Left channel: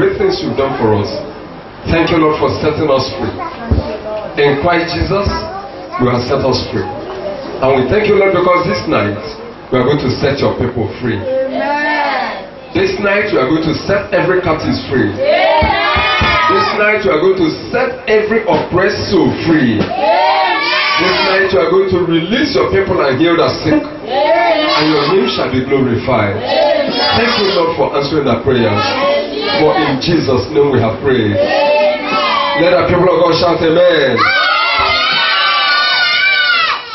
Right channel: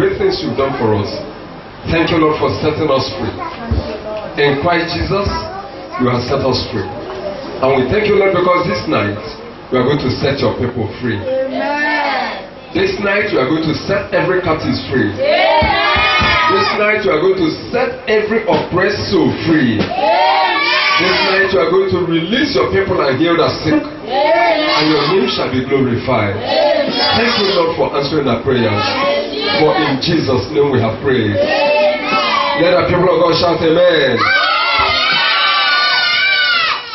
great things you've done for us. Thank you, Lord, for setting us free. In Christ Jesus, you have set us free. And we thank you, Lord, because this night we are going to set your people free. Amen. This night you are going to set every captive free. Amen. This night you are going to set every oppressed soul free. Amen. This night you are going to release your people and heal the sick. Amen. And your name shall be glorified. Amen. Thank you, Lord, for answering our prayers. Amen. For in Jesus' name we have prayed. Amen. Let the people of God shout amen.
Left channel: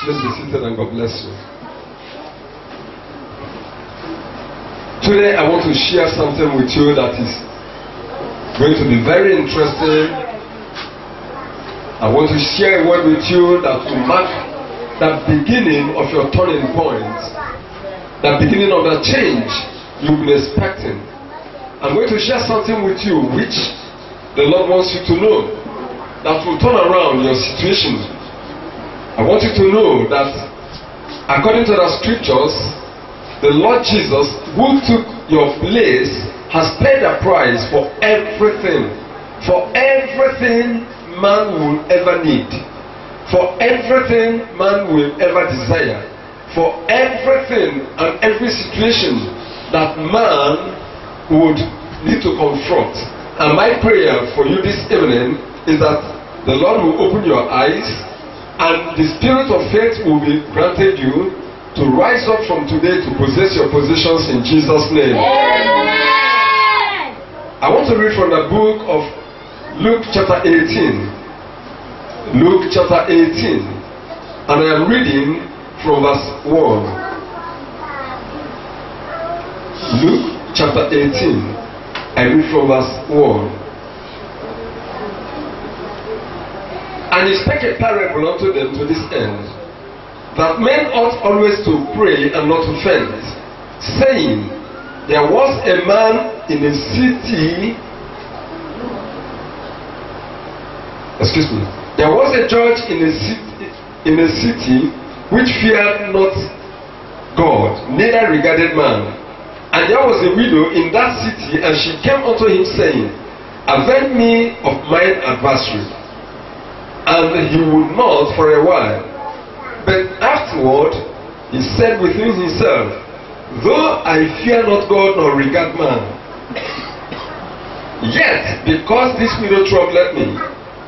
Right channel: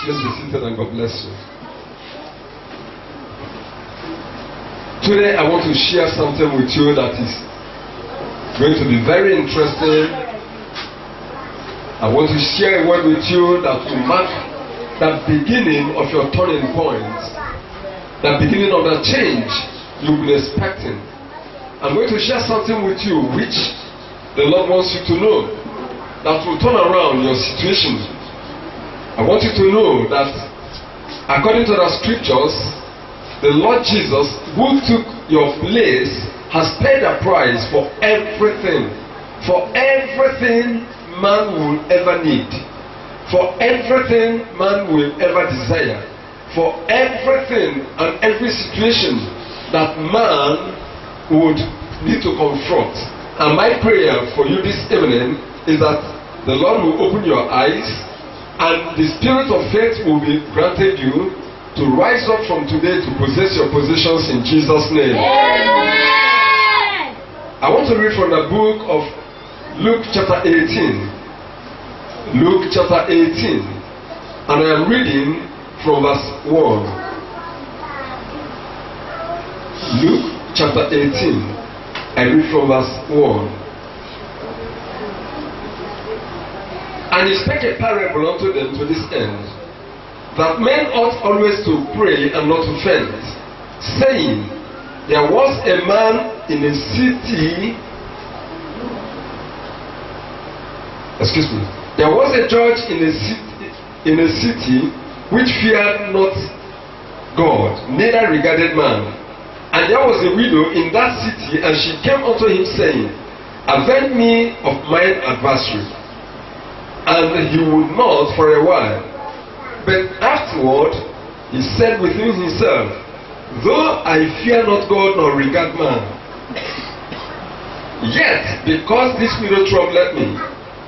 Let's be seated and God bless you. Today I want to share something with you that is going to be very interesting. I want to share a word with you that will mark the beginning of your turning point, the beginning of the change you've been expecting. I'm going to share something with you which the Lord wants you to know that will turn around your situation. I want you to know that according to the scriptures, the Lord Jesus, who took your place, has paid a price for everything. For everything man will ever need. For everything man will ever desire. For everything and every situation that man would need to confront. And my prayer for you this evening is that the Lord will open your eyes and the spirit of faith will be granted you to rise up from today to possess your positions in Jesus' name. Amen. I want to read from the book of Luke chapter 18. Luke chapter 18. And I am reading from verse 1. Luke chapter 18. I read from verse 1. And he spake a parable unto them to this end, that men ought always to pray and not to faint, saying, there was a man in a city, there was a judge in a city which feared not God, neither regarded man. And there was a widow in that city, and she came unto him, saying, avenge me of mine adversary. And he would not for a while. But afterward, he said within himself, though I fear not God nor regard man, yet because this widow troubleth me,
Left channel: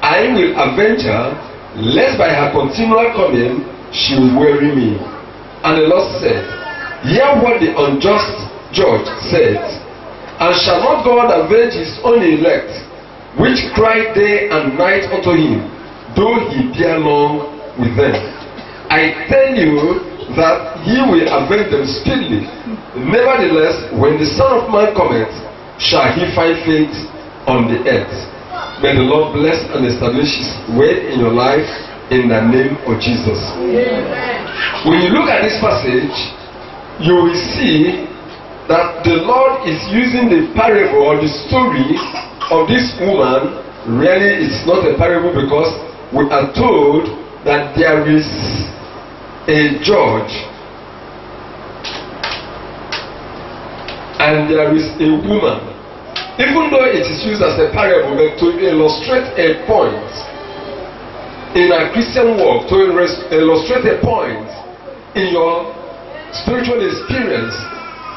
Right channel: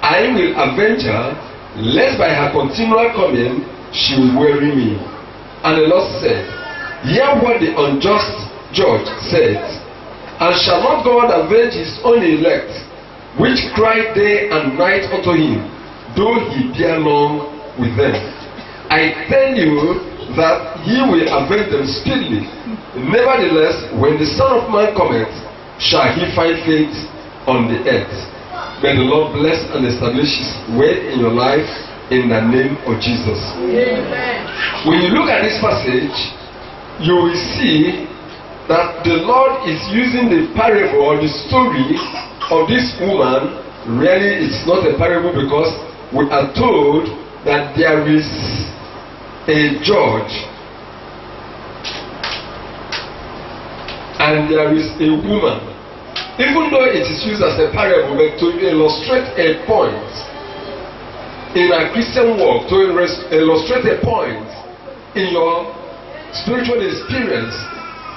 I will avenge her, lest by her continual coming she will weary me. And the Lord said, hear what the unjust judge said. And shall not God avenge his own elect, which cry day and night unto him, though he bear long with them? I tell you that he will avenge them speedily. Nevertheless, when the Son of Man cometh, shall he find faith on the earth? May the Lord bless and establish his word in your life in the name of Jesus. Amen. When you look at this passage, you will see that the Lord is using the parable or the story of this woman. Really, it's not a parable because we are told that there is a judge and there is a woman. Even though it is used as a parable, but to illustrate a point in a Christian walk, to illustrate a point in your spiritual experience,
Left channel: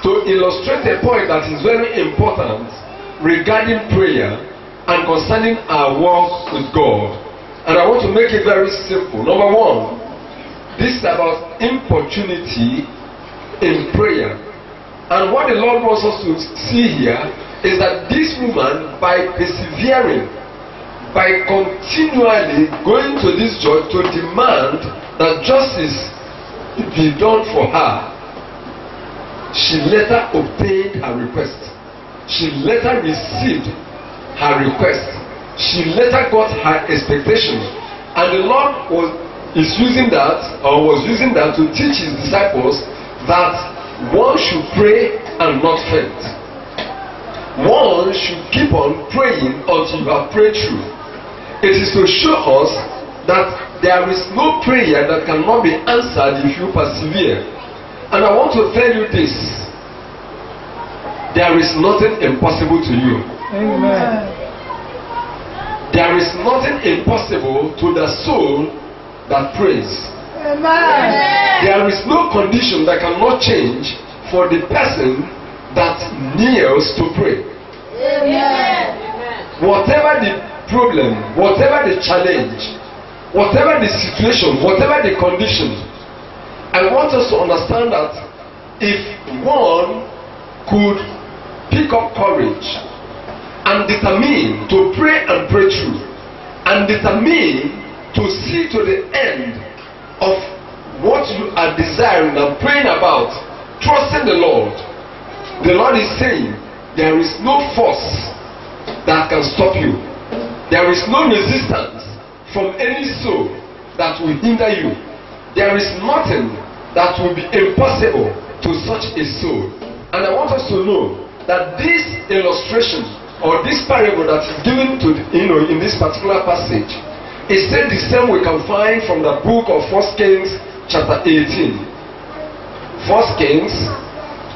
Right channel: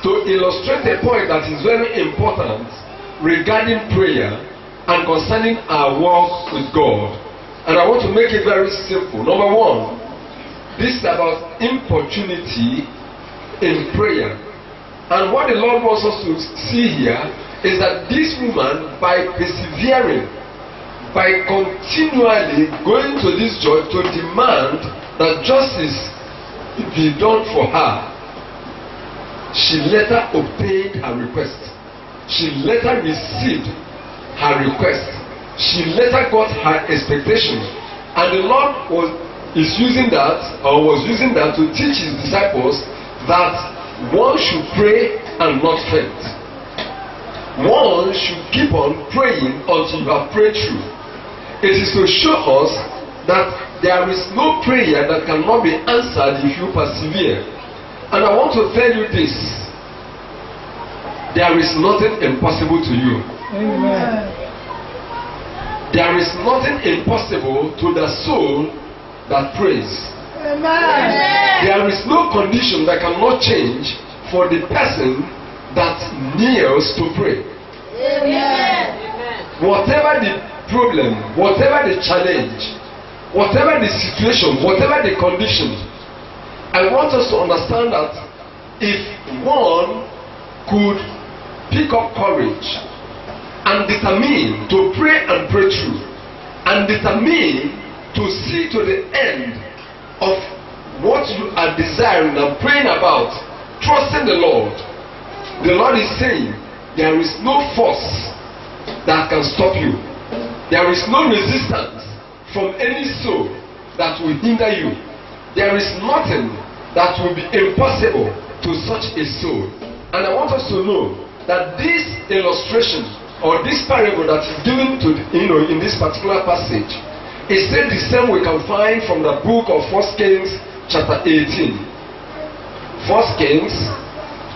to illustrate a point that is very important regarding prayer and concerning our walk with God. And I want to make it very simple. Number one, this is about importunity in prayer. And what the Lord wants us to see here is that this woman, by persevering, by continually going to this judge to demand that justice be done for her, she later obtained her request. She later received her request. She later got her expectation. And the Lord was using that to teach his disciples that one should pray and not faint. One should keep on praying until you have prayed through. It is to show us that there is no prayer that cannot be answered if you persevere. And I want to tell you this: there is nothing impossible to you. Amen. There is nothing impossible to the soul that prays. Amen. There is no condition that cannot change for the person that kneels to pray. Amen. Whatever the problem, whatever the challenge, whatever the situation, whatever the condition, I want us to understand that if one could pick up courage and determine to pray and pray through, and determine to see to the end of what you are desiring and praying about, trusting the Lord is saying there is no force that can stop you. There is no resistance from any soul that will hinder you. There is nothing that will be impossible to such a soul. And I want us to know that this illustration or this parable that is given to in this particular passage is still the same we can find from the book of 1 Kings chapter 18. 1 Kings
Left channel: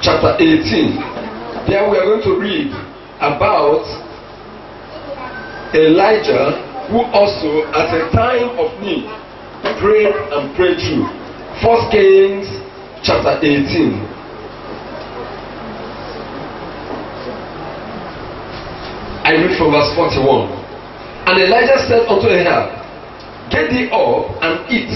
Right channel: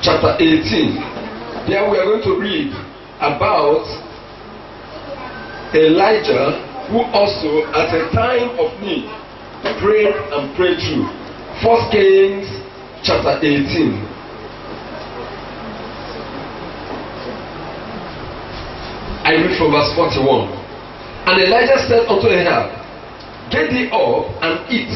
chapter 18. There we are going to read about Elijah, who also at a time of need prayed and prayed through. 1 Kings chapter 18. I read from verse 41. And Elijah said unto Ahab, Get thee up and eat,